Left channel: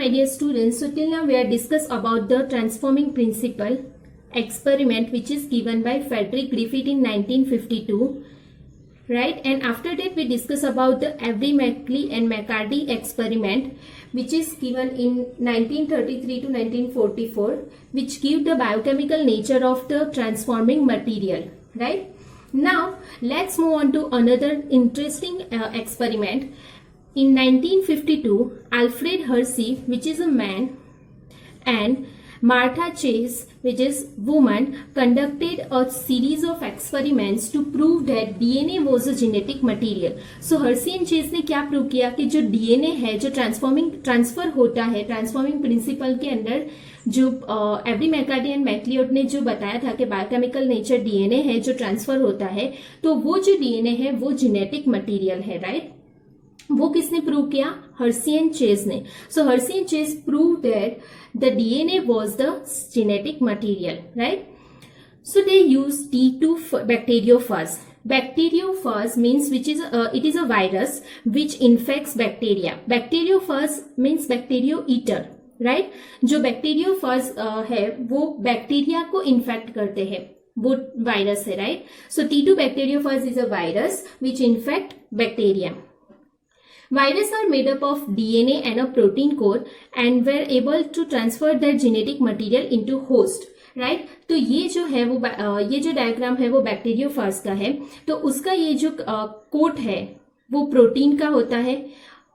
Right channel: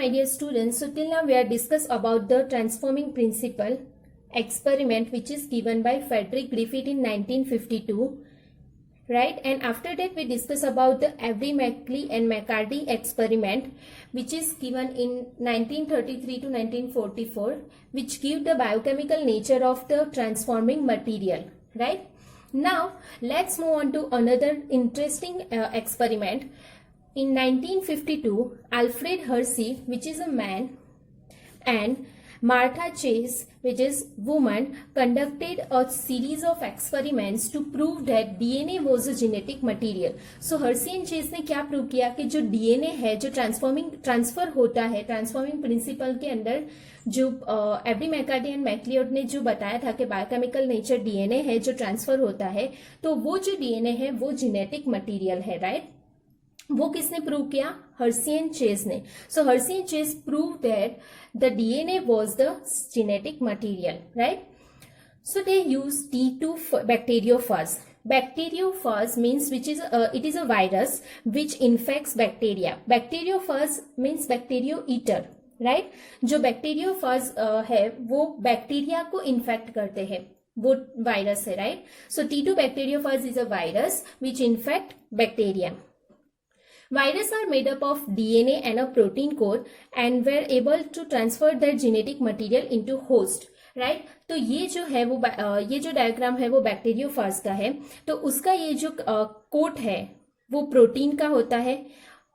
my dear students. So till now we are discussed about the transforming principle experiment which is given by Frederick Griffith in 1952, right? And after that we discuss about the Avery-Maclay and McCarty experiment which is given in 1933 to 1944, which give the biochemical nature of the transforming material, right? Now let's move on to another interesting experiment. In 1952, Alfred Hersey, which is a man, and Martha Chase, which is woman, conducted a series of experiments to prove that DNA was a genetic material. So Hersey and Chase ने क्या prove किया कि जो DNA है, जो transfer होता है transforming principle के अंदर, जो एवरी-मैककार्टी एंड मैक्लियोड ने जो बताया था कि बायोकेमिकल नेचर DNA है जो ट्रांसफर होता है, तो वो जो DNA है वो जेनेटिक मटीरियल है, राइट? वो किसने प्रूव किया? हर्सी एंड चेज ने. So Hershey and Chase prove that the DNA was the genetic material, right? So they use T2 bacteriophage. Bacteriophage means which is it is a virus which infects bacteria. Bacteriophage means bacterio eater, right? जो bacteriophage है वो bacteria को infect करते हैं, वो virus है, right? So T2 bacteriophage is a virus which infect bacteria. Viruses are made up of DNA and a protein core and were able to transfer their genetic material into host, right? तो ये जो है वो ये जो diagram है वो bacteriophage का है. तो उसका ये जो कोट है वो प्रोटीन का होता है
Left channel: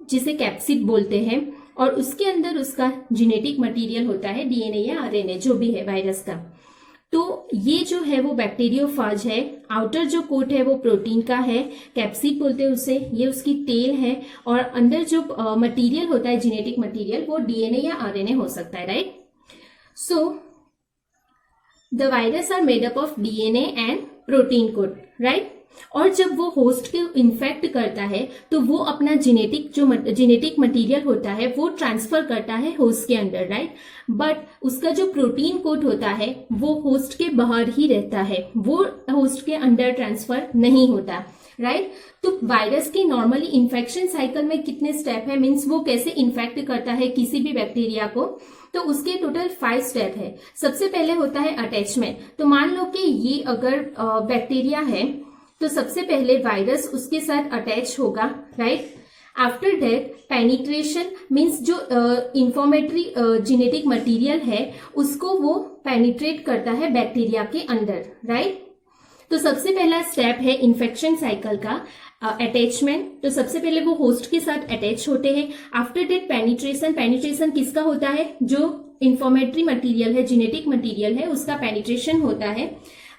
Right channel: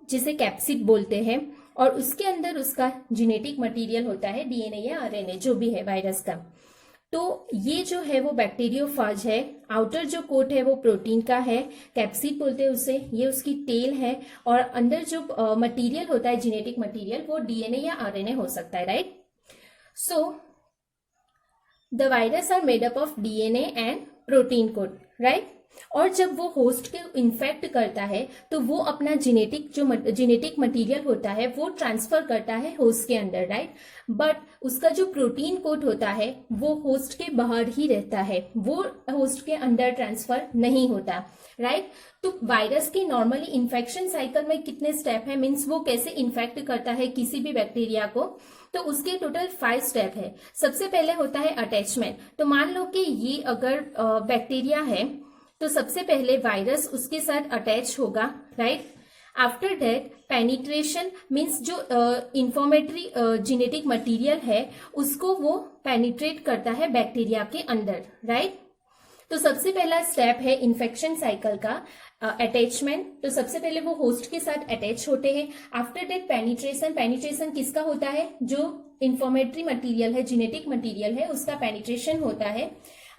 जिसे कैप्सिड बोलते हैं, और उसके अंदर उसका जेनेटिक मटेरियल होता है डीएनए या आरएनए जो भी है वायरस का. तो ये जो है वो बैक्टीरियोफाज है. आउटर जो कोट है वो प्रोटीन का है, कैप्सिड बोलते हैं उसे, ये उसकी टेल है, और अंदर जो मटेरियल होता है जेनेटिक मटेरियल वो डीएनए या आरएनए हो सकता है, right? So the virus are made up of DNA and protein code, right? और जब वो होस्ट को इन्फेक्ट करता है तो वो अपना जेनेटिक मटेरियल होता है वो ट्रांसफर करता है होस्ट के अंदर, राइट? बट उसका जो प्रोटीन कोड होता है वो होस्ट के बाहर ही रहता है, वो होस्ट के अंदर ट्रांसफर नहीं होता, राइट? तो वायरस की नॉर्मली इन्फेक्शन साइकिल में कितने स्टेप है, मीन्स वो कैसे इन्फेक्ट करता है किसी भी बैक्टीरिया को, तो उसके टोटल 5 स्टेप है. सबसे पहले होता है अटैचमेंट. तो मान लो कि ये अगर बैक्टीरिया है तो सबसे पहले वायरस उसके साथ अटैच होगा, right? After that penetration means जो इंफॉर्मेटरी जेनेटिक मटेरियल है उसको वो पेनिट्रेट करता है बैक्टीरिया के अंदर, राइट? तो सबसे पहला स्टेप है इन्फेक्शन साइकिल का अटैचमेंट. तो सबसे पहले वो होस्ट के साथ अटैच होते हैं. After that penetration. पेनिट्रेशन किसका होता है? जो इंफॉर्मेटरी मटेरियल है जेनेटिक मटेरियल है उसका पेनिट्रेशन होता है.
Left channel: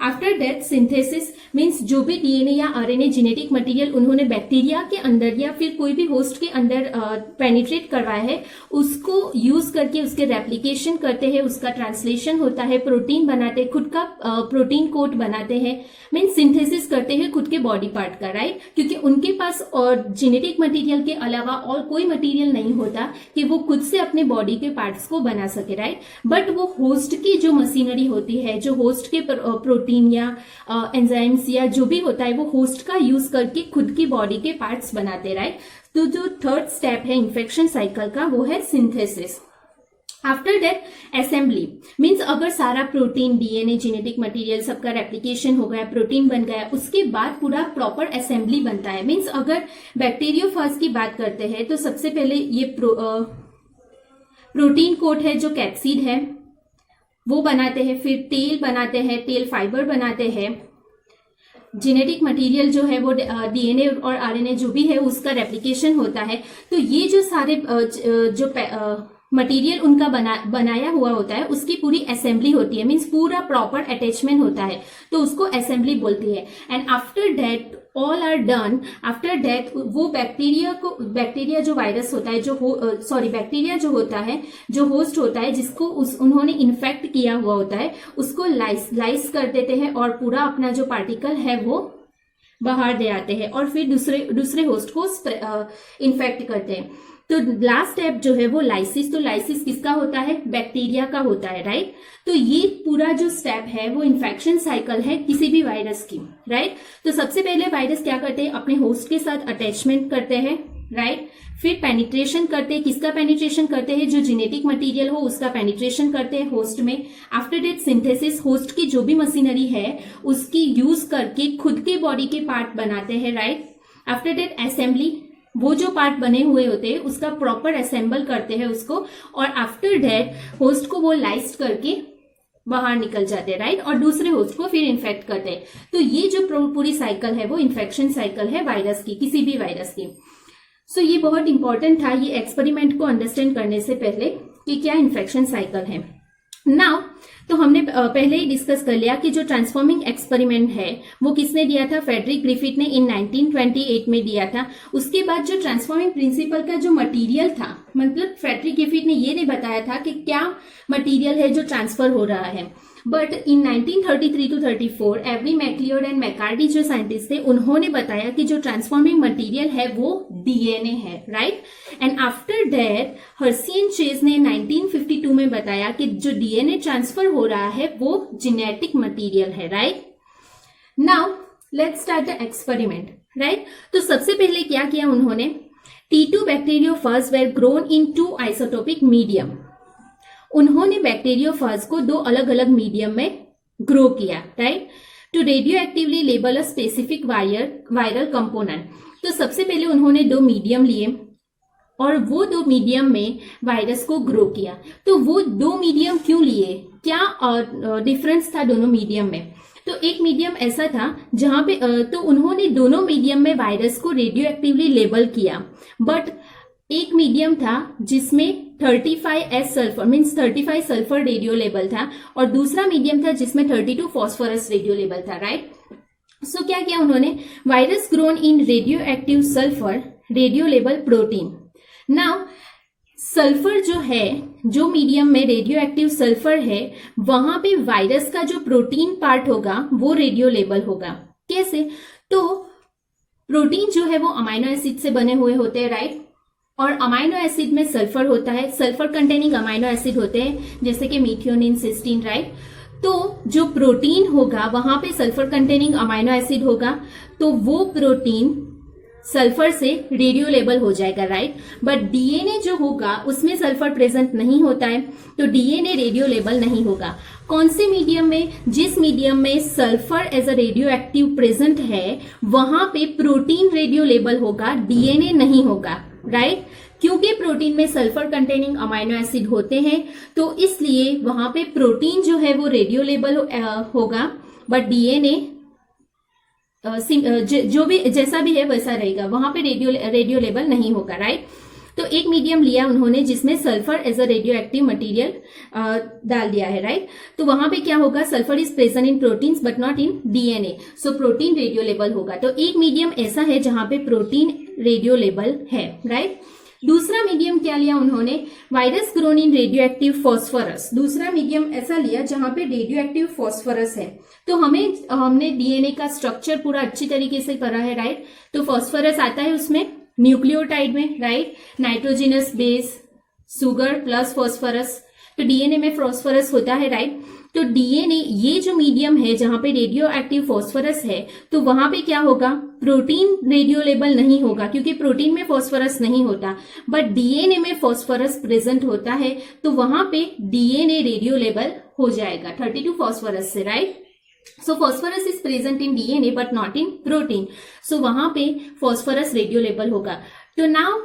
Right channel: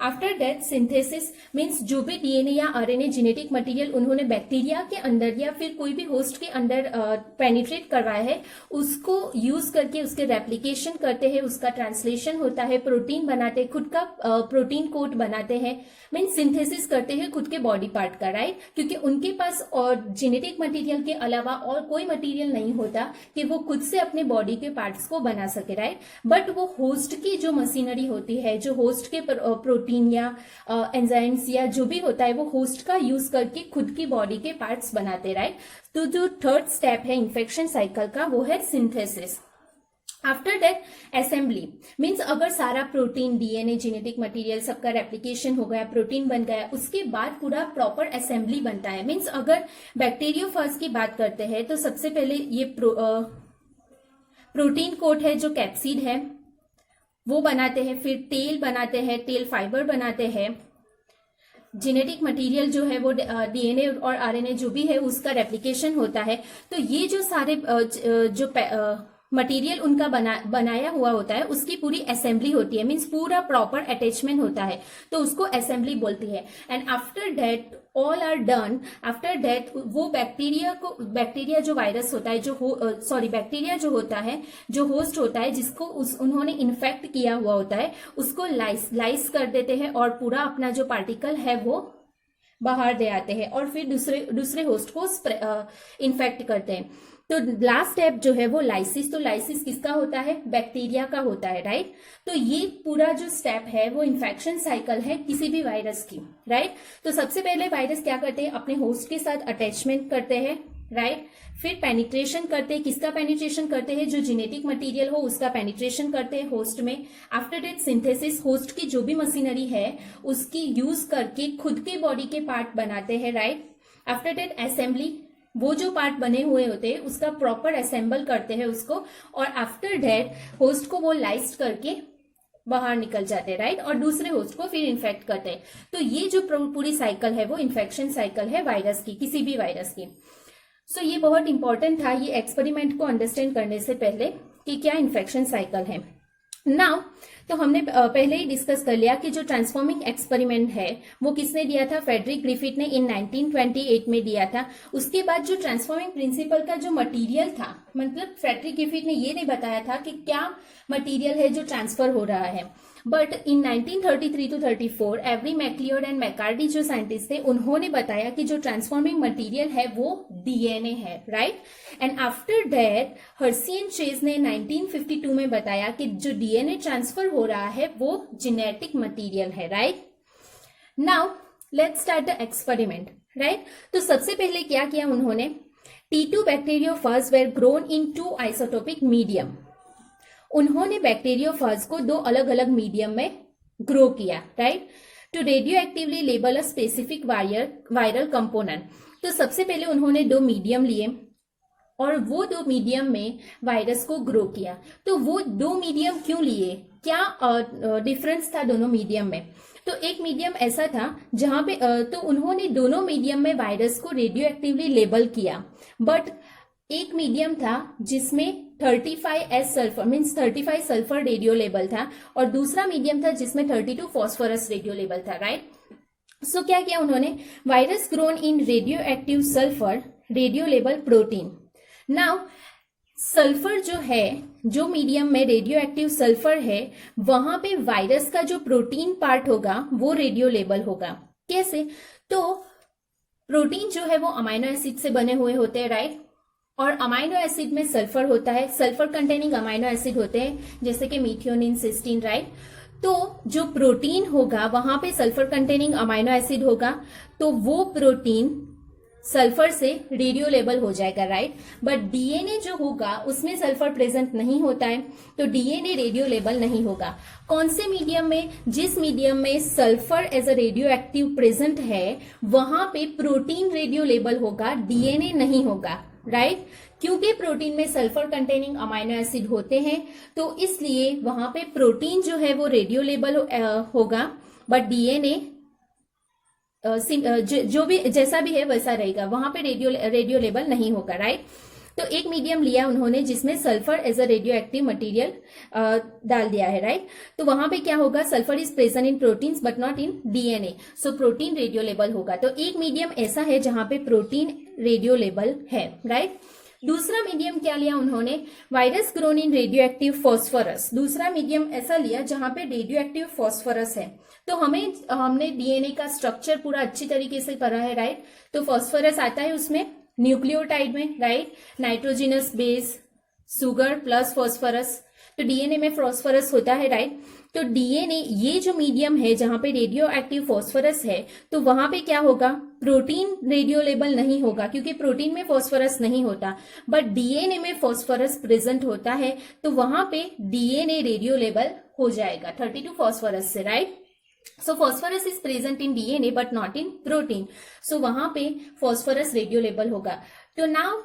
आफ्टर दैट सिंथेसिस मीन्स जो भी डीएनए या आरएनए जेनेटिक मटेरियल उन्होंने बैक्टीरिया के अंदर या फिर कोई भी होस्ट के अंदर पेनिट्रेट करवाया है उसको यूज करके उसके रेप्लिकेशन करते हैं, उसका ट्रांसलेशन होता है, प्रोटीन बनाते हैं, खुद का प्रोटीन कोट बनाते हैं, मीन्स सिंथेसिस करते हैं खुद के बॉडी पार्ट का, राइट? क्योंकि उनके पास और जेनेटिक मटेरियल के अलावा और कोई मटेरियल नहीं होता कि वो खुद से अपने बॉडी के पार्ट्स को बना सके, राइट? बट वो होस्ट की जो मशीनरी होती है, जो होस्ट के प्रोटीन या एंजाइम्स या जो भी होता है वो होस्ट का यूज करके खुद की बॉडी के पार्ट्स बनाते, राइट? तो जो थर्ड स्टेप है इन्फेक्शन साइकिल का वो है synthesis. After that assembly means अगर सारा प्रोटीन डीएनए जेनेटिक मटेरियल सबका रेप्लिकेशन हो गया, प्रोटीन बन गया, उसके बाद पूरा प्रॉपर असेंबली बनता है. मीन्स अगर बैक्टीरियोफाज की बात करते हैं तो सबसे पहले ये प्रोटीन कोट है जो कैप्सिड है वो बनाते हैं, फिर तेल बनाते हैं, तेल फाइबर बनाते हैं, जेनेटिक मटेरियल जो है वो डीएनए और आरएनए जो भी है उसका रेप्लिकेशन होता है. तो ये जो सारे जो मटेरियल उनका बनाया हुआ होता है उसकी पूरी असेंबली होती है, मीन्स पूरा प्रॉपर अटैचमेंट होता है, तो उसको असेंबली बोलती है. And after that all are done. After that वो बैक्टीरिया जो वायरस होता है बैक्टीरिया जो होता है जो होस्ट होता है जिसको उन्होंने इन्फेक्ट किया हुआ होता है उसको लाइस कर देते हैं और पूरा अपना जो पार्टिकल है वो बाहर दे आते हैं और फिर दूसरे होस्ट को इन्फेक्ट करते हैं. तो लास्ट स्टेप जो है वो लाइसिस. तो लाइसिस किसका होता है? बैक्टीरिया का होता है, राइट? तो ये पूरा जो स्टेप है वो इन्फेक्शन साइकिल है किसी भी वायरस की, राइट? तो सबसे पहले वायरस क्या करते हैं? अपने होस्ट के साथ अटैचमेंट करते हैं, राइट? फिर पेनिट्रेशन करते हैं, किसका पेनिट्रेशन करते हैं, जो जेनेटिक मटेरियल हो उसका पेनिट्रेशन करते हैं होस्ट में। आफ्टर दैट सिंथेसिस, होस्ट की जो भी मशीनरी है उसकी यूज करके खुद के बॉडी के पार्ट बनाते हैं, राइट। आफ्टर दैट असेंबली, वो जो पार्ट बने हुए होते हैं उसका प्रॉपर असेंबल करते हैं उसको, और आफ्टर दैट होस्ट को वो लाइस्ट करके बाहर निकल जाते हैं, राइट, और दूसरे होस्ट को फिर इन्फेक्ट करते हैं। तो ये जो पूरी साइकिल है वो इन्फेक्शन साइकिल है वायरस की, किसी भी वायरस की। सो ये बहुत इंपॉर्टेंट था ये एक्सपेरिमेंट को अंडरस्टैंड करने से पहले कि क्या इन्फेक्शन साइकिल है। नाउ तो हमने पहले ही डिस्कस कर लिया कि जो ट्रांसफॉर्मिंग एक्सपेरिमेंट है वो किसने दिया था, फ्रेडरिक ग्रिफिथ ने इन 1928 में दिया था। उसके बाद जो ट्रांसफॉर्मिंग प्रिंसिपल का जो मटेरियल था, मतलब फ्रेडरिक ग्रिफिथ ने ये नहीं बताया था कि क्या मटेरियल है जो ट्रांसफर हो रहा है, but in 1933 to 34 Avery MacLeod and McCarty जो साइंटिस्ट थे उन्होंने बताया कि जो ट्रांसफॉर्मिंग मटेरियल है वो डीएनए है, right. And after that Hershey and Chase ने 1952 में बताया कि जो डीएनए ट्रांसफर हो रहा है वो जेनेटिक मटेरियल है, right. Now let's start the experiment, right. तो सबसे पहले क्या किया उन्होंने, T2 bacteriophage were grown in 2 isotopic medium. उन्होंने बैक्टीरियोफाज को 2 अलग अलग मीडियम में ग्रो किया, right, to radio actively label a specific viral component. तो सबसे पहले उन्होंने 2 मीडियम लिए और वो 2 मीडियम में वायरस को ग्रो किया। तो वो 2 मीडियम क्यों लिए, क्या डिफरेंस था दोनों मीडियम में। तो एक मीडियम ऐसा था जहां पे तो उन्होंने दोनों मीडियम में वायरस को रेडियो एक्टिवली लेबल किया, बट एक मीडियम था जिसमें 35S sulphur means 35 sulphur radio label था और दूसरा मीडियम था जिसमें 32 फॉस्फोरस रेडियो लेबल था, राइट। सो क्या किया उन्होंने, virus grown in radio active sulphur radio label protein. Now sulphur जो है, जो मीडियम में रेडियो एक्टिव सल्फर है वहां पे वायरस का जो प्रोटीन पार्ट होगा वो रेडियो लेबल होगा। कैसे, तो प्रोटीन जो है वो अमाइनो एसिड से बने हुए होते हैं, राइट, और अमाइनो एसिड में सल्फर होता है, सल्फर कंटेनिंग अमाइनो एसिड होते हैं जैसे कि मीथियोनिन, सिस्टीन, राइट। तो जो प्रोटीन होगा वहां पे सल्फर कंटेनिंग अमाइनो एसिड होगा, तो वो प्रोटीन सल्फर से रेडियो लेबल हो जाएगा, राइट। बट डीएनए जो होगा उसमें सल्फर प्रेजेंट नहीं होता है, तो डीएनए रेडियो लेबल नहीं होगा। कौन से मीडियम में, जिस मीडियम में sulphur as a radio active present है वहां पे प्रोटीन रेडियो लेबल होगा, डीएनए नहीं होगा, राइट। क्योंकि प्रोटीन में सल्फर कंटेनिंग अमाइनो एसिड होते हैं तो इसलिए वहां पे प्रोटीन जो है वो रेडियो लेबल होगा, बट डीएनए जो भी जैसा भी है वैसा रहेगा, वहां पे रेडियो लेबल नहीं होगा, राइट। तो एक मीडियम लिया उन्होंने जिसमें sulphur as a radio active material डाल दिया है, राइट। तो वहां पे क्या होगा, sulphur is present in proteins but not in DNA, so protein radio label होगा। तो एक मीडियम ऐसा है जहां पे प्रोटीन रेडियो लेबल है, राइट। दूसरा मीडियम क्या लिया उन्होंने, virus grown in radio active phosphorus. दूसरा मीडियम ऐसा लिया जहां पे रेडियो एक्टिव फॉस्फोरस है। तो हमने डीएनए का स्ट्रक्चर पूरा अच्छी तरीके से पढ़ा है, राइट। तो फॉस्फोरस आता है उसमें न्यूक्लियोटाइड में, right, nitrogenous base, sugar plus phosphorus. तो डीएनए में फॉस्फोरस होता है, राइट। तो डीएनए ये जो मीडियम है जहां पे रेडियो एक्टिव फॉस्फोरस है तो वहां पे क्या होगा, प्रोटीन रेडियो लेबल नहीं होगा क्योंकि प्रोटीन में फॉस्फोरस नहीं होता, बट डीएनए में फॉस्फोरस प्रेजेंट होता है तो वहां पे डीएनए रेडियो लेबल हो जाएगा 32 फॉस्फोरस से, right. So phosphorus is present in DNA but not in protein, so वहां पे फॉस्फोरस रेडियो लेबल होगा। तो नाउ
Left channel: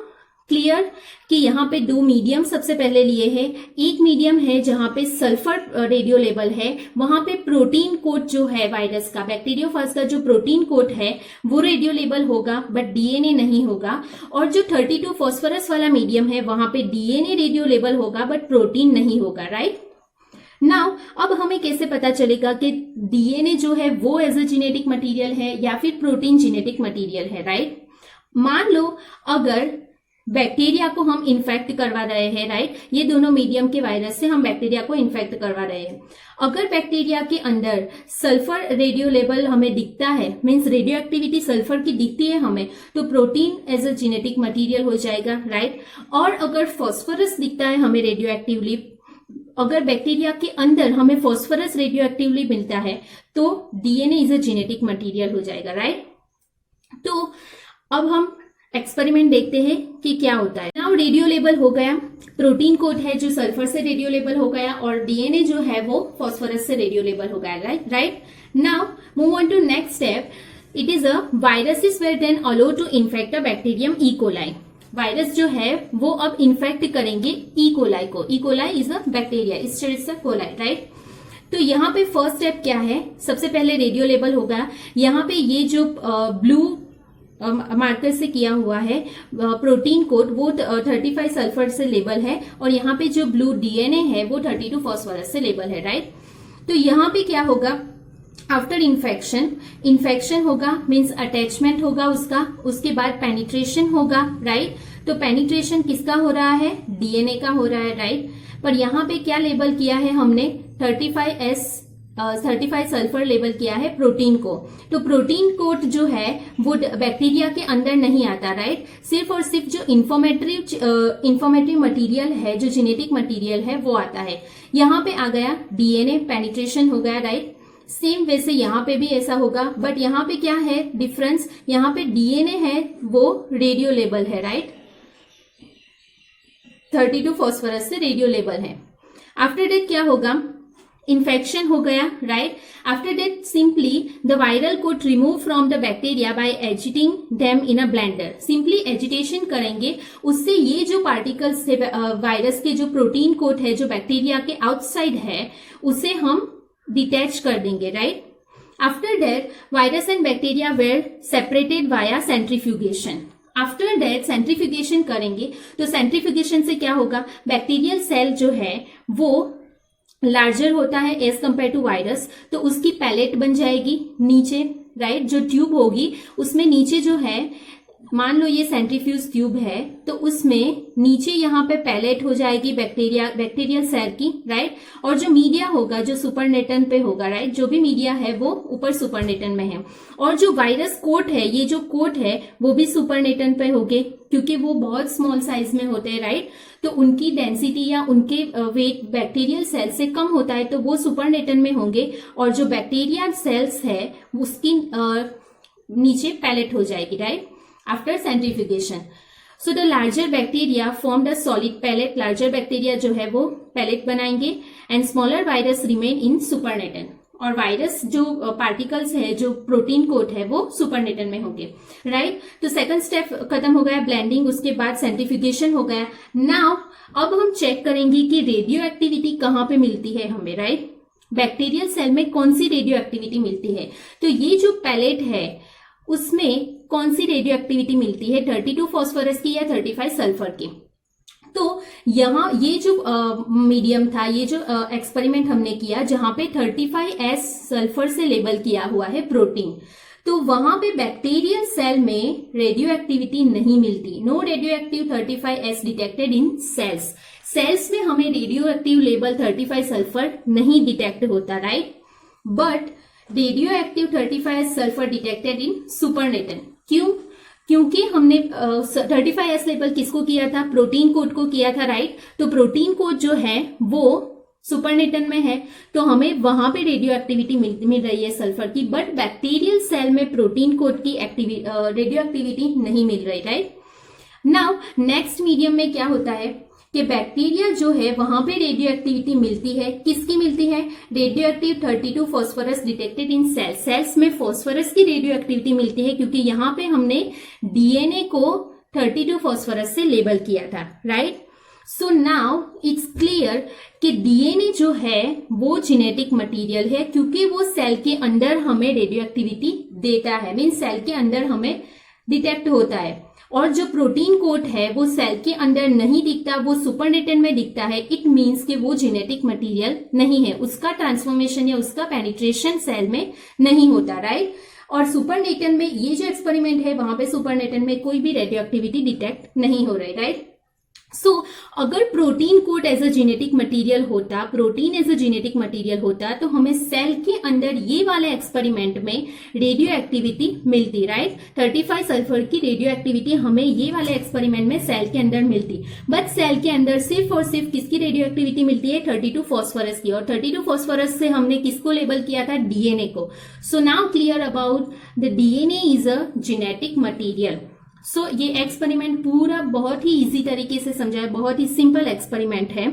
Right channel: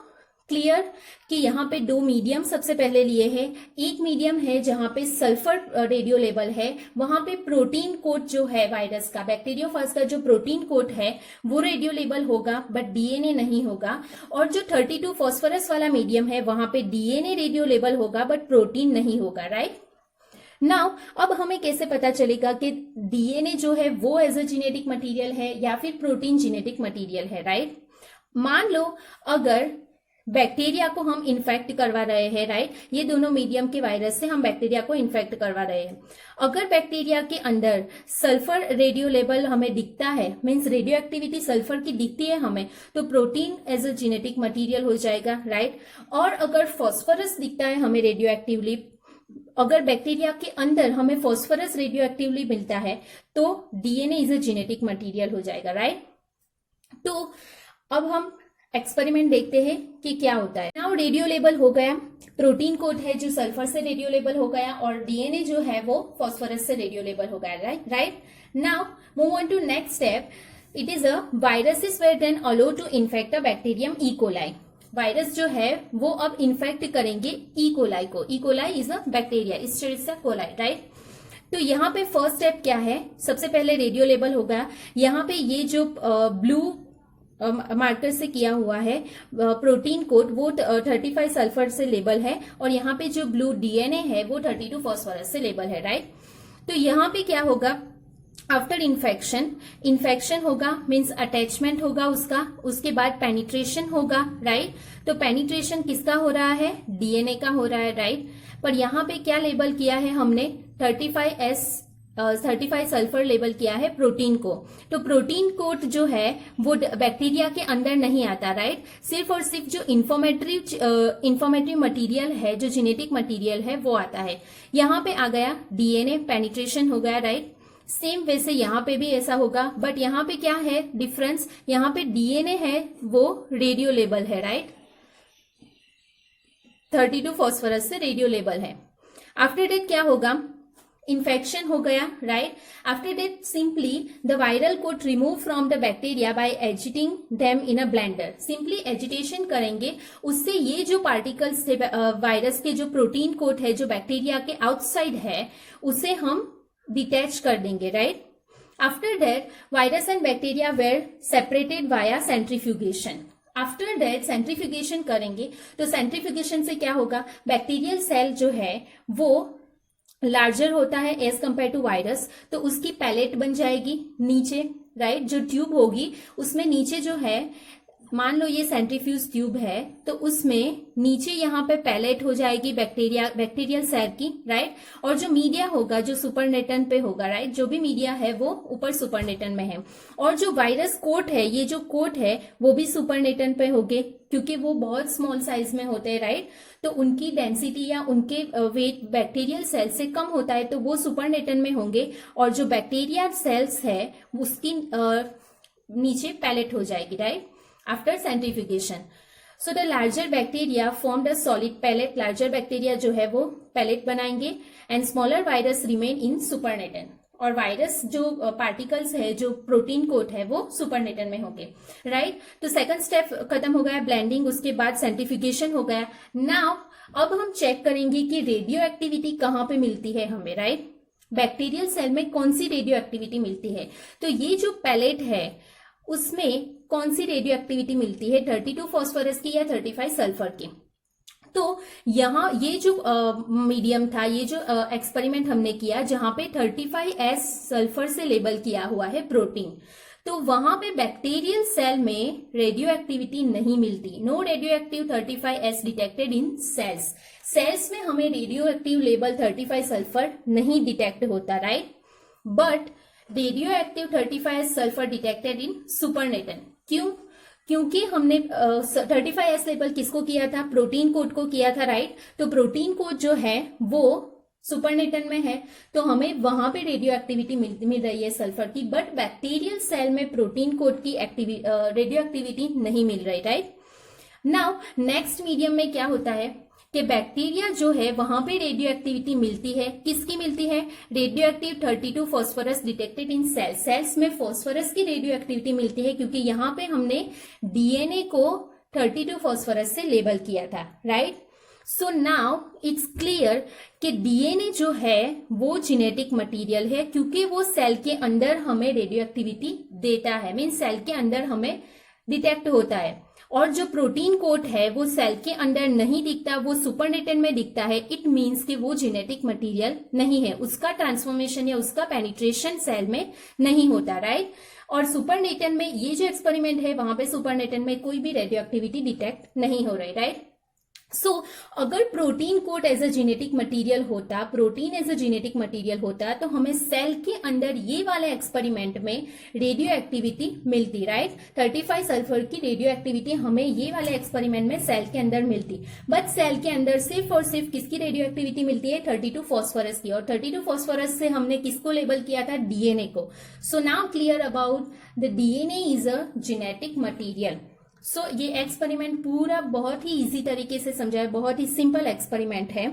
क्लियर कि यहाँ पे 2 मीडियम सबसे पहले लिए हैं। एक मीडियम है जहां पे सल्फर रेडियो लेबल है, वहां पे प्रोटीन कोट जो है वायरस का, बैक्टीरियोफाज का जो प्रोटीन कोट है वो रेडियो लेबल होगा बट डीएनए नहीं होगा। और जो 32 फॉस्फोरस वाला मीडियम है वहां पे डीएनए रेडियो लेबल होगा बट प्रोटीन नहीं होगा, राइट। नाउ अब हमें कैसे पता चलेगा कि डीएनए जो है वो एज अ जेनेटिक मटेरियल है या फिर प्रोटीन जेनेटिक मटेरियल है, राइट। मान लो अगर बैक्टीरिया को हम इन्फेक्ट करवा रहे हैं, राइट, ये दोनों मीडियम के वायरस से हम बैक्टीरिया को इन्फेक्ट करवा रहे हैं। अगर बैक्टीरिया के अंदर सल्फर रेडियो लेवल हमें दिखता है, मीन्स रेडियो एक्टिविटी सल्फर की दिखती है हमें, तो protein as a genetic material हो जाएगा, राइट। और अगर फॉस्फोरस दिखता है हमें रेडियो एक्टिवली, अगर बैक्टीरिया के अंदर हमें फॉस्फोरस रेडियो एक्टिवली मिलता है तो DNA is a genetic material हो जाएगा, राइट। तो अब हम एक्सपेरिमेंट देखते हैं कि क्या होता है। नाउ रेडियो लेबल हो गया, प्रोटीन कोड है जो सल्फर से रेडियो लेबल हो गया, और डीएनए जो है वो फॉस्फोरस से रेडियो लेबल हो गया, right. Now move on to next step. It is a viruses were then allow to infect a bacterium E coli. Virus जो है वो अब इन्फेक्ट करेंगे ई कोलाई को। E coli is a bacteria, इस coli, right. तो यहाँ पे फर्स्ट स्टेप क्या है, सबसे पहले रेडियो लेबल हो गया। यहाँ पे ये जो ब्लू मार्कर से किया हुआ है प्रोटीन कोड, वो 35 सल्फर से लेबल है, और यहाँ पे जो ब्लू डीएनए है वो 32 फॉस्फोरस से लेबल है, राइट। तो यहाँ पे क्या होगा, आफ्टर इन्फेक्शन होगा, मीन्स अटैचमेंट होगा उसका, उसके बाद पेनिट्रेशन होगा, राइट। तो पेनिट्रेशन किसका हो रहा है, डीएनए का हो रहा है, राइट। पर यहाँ पे क्या लेबल किया है हमने, 35 सल्फर लेबल किया है प्रोटीन को। तो प्रोटीन कोड जो है वो बैक्टीरिया के अंदर नहीं आता, राइट। सिर्फ और सिर्फ जो इंफॉर्मेटिव मटेरियल है, जो जेनेटिक मटेरियल है वो आता है। यहाँ पे आ गया डीएनए, पेनिट्रेशन हो गया, राइट। सेम वैसे यहाँ पे भी ऐसा होगा, बट यहाँ पे क्या है डिफरेंस, यहाँ पे डीएनए है वो रेडियो लेबल है, राइट। 32 फॉस्फोरस से रेडियो लेबल है। आफ्टर डेट क्या होगा, इन्फेक्शन हो गया, right. After that simply the viral coat remove from the bacteria by agitating them in a blender. Simply agitation करेंगे, उससे ये जो पार्टिकल्स थे वायरस के, जो प्रोटीन कोड है जो बैक्टीरिया के आउटसाइड है, उसे हम डिटैच कर देंगे, right. After that virus and bacteria were separated via centrifugation. After that centrifugation करेंगे, तो सेंट्रीफ्यूगेशन से क्या होगा, बैक्टीरियल सेल जो है वो लार्जर होता है एज कंपेयर टू वायरस, तो उसकी पैलेट बन जाएगी नीचे, राइट। जो ट्यूब होगी उसमें नीचे जो है, मान लो ये सेंट्रीफ्यूज ट्यूब है, तो उसमें नीचे यहाँ पे पैलेट हो जाएगी बैक्टीरियल सेल की, राइट। और जो मीडिया होगा जो सुपरनेटन पे होगा, राइट, जो भी मीडिया है वो ऊपर सुपरनेटन में है। और जो वायरस कोट है, ये जो कोट है वो भी सुपरनेटन पे होंगे, क्योंकि वो बहुत स्मॉल साइज में होते हैं, राइट। तो उनकी डेंसिटी या उनके वेट बैक्टीरियल सेल से कम होता है, तो वो सुपरनेटन में होंगे, और जो बैक्टीरियल सेल्स है उसकी नीचे पैलेट हो जाएगी, right, after centrifugation. So the larger bacteria form the solid pellet. Larger bacteria जो है वो पैलेट बनाएंगे, and smaller virus remain in supernatant. और वायरस जो पार्टिकल्स है, जो प्रोटीन कोट है, वो सुपरनेटन में होंगे, राइट। तो सेकंड स्टेप खत्म हो गया, ब्लेंडिंग, उसके बाद सेंट्रीफ्यूगेशन हो गया। नाउ अब हम चेक करेंगे कि रेडियो एक्टिविटी कहाँ पे मिलती है हमें, राइट। बैक्टीरियल सेल में कौन सी रेडियो एक्टिविटी मिलती है, तो ये जो पैलेट है उसमें कौन सी रेडियो एक्टिविटी मिलती है, 32 फॉस्फोरस की या 35 सल्फर की। तो यहाँ ये जो मीडियम था, ये जो एक्सपेरिमेंट हमने किया जहां पे 35S सल्फर से लेबल किया हुआ है प्रोटीन, तो वहां पे बैक्टीरियल सेल में रेडियो एक्टिविटी नहीं मिलती। No radioactive 35S detected in cells. Cells में हमें रेडियो एक्टिव लेबल 35 सल्फर नहीं डिटेक्ट होता, right. But radioactive 35S sulphur detected in supernatant. क्यों? क्योंकि हमने 35S लेबल किसको किया था, प्रोटीन कोड को किया था, राइट। तो प्रोटीन कोड जो है वो सुपरनेटन में है, तो हमें वहां पे रेडियो एक्टिविटी मिल रही है सल्फर की, बट बैक्टीरियल सेल में प्रोटीन कोड की रेडियो एक्टिविटी नहीं मिल रही, राइट। नाउ नेक्स्ट मीडियम में क्या होता है कि बैक्टीरिया जो है वहां पे रेडियो एक्टिविटी मिलती है, किसकी मिलती है, radio active 32 phosphorus detected in cells. Cells में फॉस्फोरस की रेडियो एक्टिविटी मिलती है, क्योंकि यहाँ पे हमने डीएनए को 32 फॉस्फोरस से लेबल किया था, right. So now it's clear कि डीएनए जो है वो जेनेटिक मटेरियल है, क्योंकि वो सेल के अंदर हमें रेडियो एक्टिविटी देता है, मीन सेल के अंदर हमें डिटेक्ट होता है। और जो प्रोटीन कोड है वो सेल के अंदर नहीं दिखता, वो सुपरनेटन में दिखता है। इट मीन्स कि वो जेनेटिक मटेरियल नहीं है, उसका ट्रांसफॉर्मेशन या उसका पेनिट्रेशन सेल में नहीं होता, राइट। और सुपरनेटन में ये जो एक्सपेरिमेंट है वहां पे सुपरनेटन में कोई भी रेडियो एक्टिविटी डिटेक्ट नहीं हो रही, राइट। सो अगर protein coat as a genetic material होता, protein as a genetic material होता, तो हमें सेल के अंदर ये वाले एक्सपेरिमेंट में रेडियो एक्टिविटी मिलती, राइट। 35 सल्फर की रेडियो एक्टिविटी हमें ये वाले एक्सपेरिमेंट में सेल के अंदर मिलती, बट सेल के अंदर सिर्फ और सिर्फ किसकी रेडियो एक्टिविटी मिलती है, 32 फॉस्फोरस की। और 32 फॉस्फोरस से हमने किसको लेबल किया था, डीएनए को। So now clear about the DNA is a genetic material. So ये एक्सपेरिमेंट पूरा बहुत ही इजी तरीके से समझा है, बहुत ही सिंपल एक्सपेरिमेंट है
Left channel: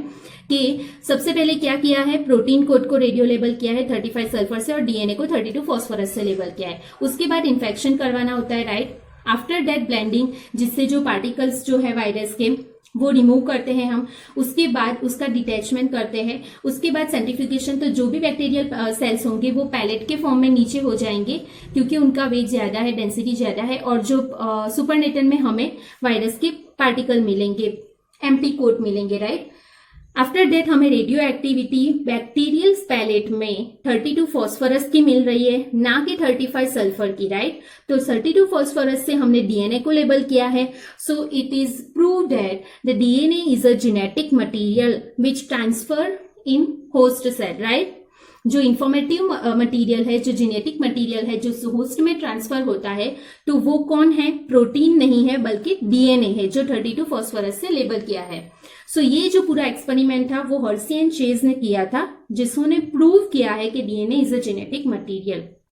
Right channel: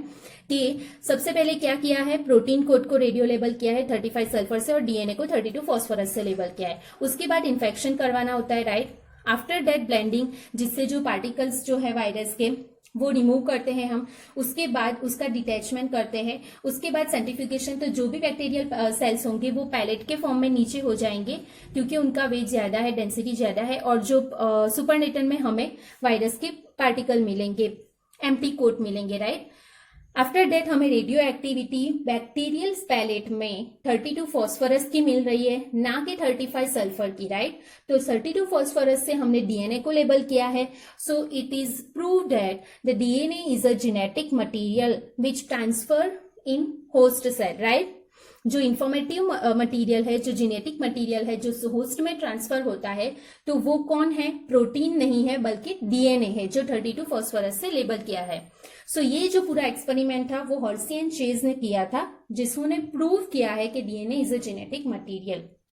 कि सबसे पहले क्या किया है, प्रोटीन कोड को रेडियो लेबल किया है 35 सल्फर से और डीएनए को 32 फास्फोरस से लेबल किया है। उसके बाद इन्फेक्शन करवाना होता है, राइट। आफ्टर दैट ब्लेंडिंग, जिससे जो पार्टिकल्स जो है वायरस के वो रिमूव करते हैं हम। उसके बाद उसका डिटैचमेंट करते हैं। उसके बाद सेंट्रीफ्यूगेशन, तो जो भी बैक्टीरियल सेल्स होंगे वो पैलेट के फॉर्म में नीचे हो जाएंगे क्योंकि उनका वेट ज्यादा है, डेंसिटी ज्यादा है, और जो सुपरनेटन में हमें वायरस के पार्टिकल मिलेंगे, एम्प्टी कोट मिलेंगे, राइट। आफ्टर डेट हमें रेडियो एक्टिविटी बैक्टीरियल पैलेट में 32 फास्फोरस की मिल रही है, ना कि 35 सल्फर की, राइट। तो 32 फास्फोरस से हमने डीएनए को लेबल किया है। So it is prove that the DNA is a genetic material which transfer in host cell, right. जो इंफॉर्मेटिव मटेरियल है, जो जेनेटिक मटेरियल है, जो होस्ट में ट्रांसफर होता है, तो वो कौन है, प्रोटीन नहीं है बल्कि डीएनए है जो 32 फास्फोरस से लेबल किया है। सो ये जो पूरा एक्सपेरिमेंट था वो हर्सी एंड चेज ने किया था, जिसने प्रूव किया है कि DNA is a genetic material.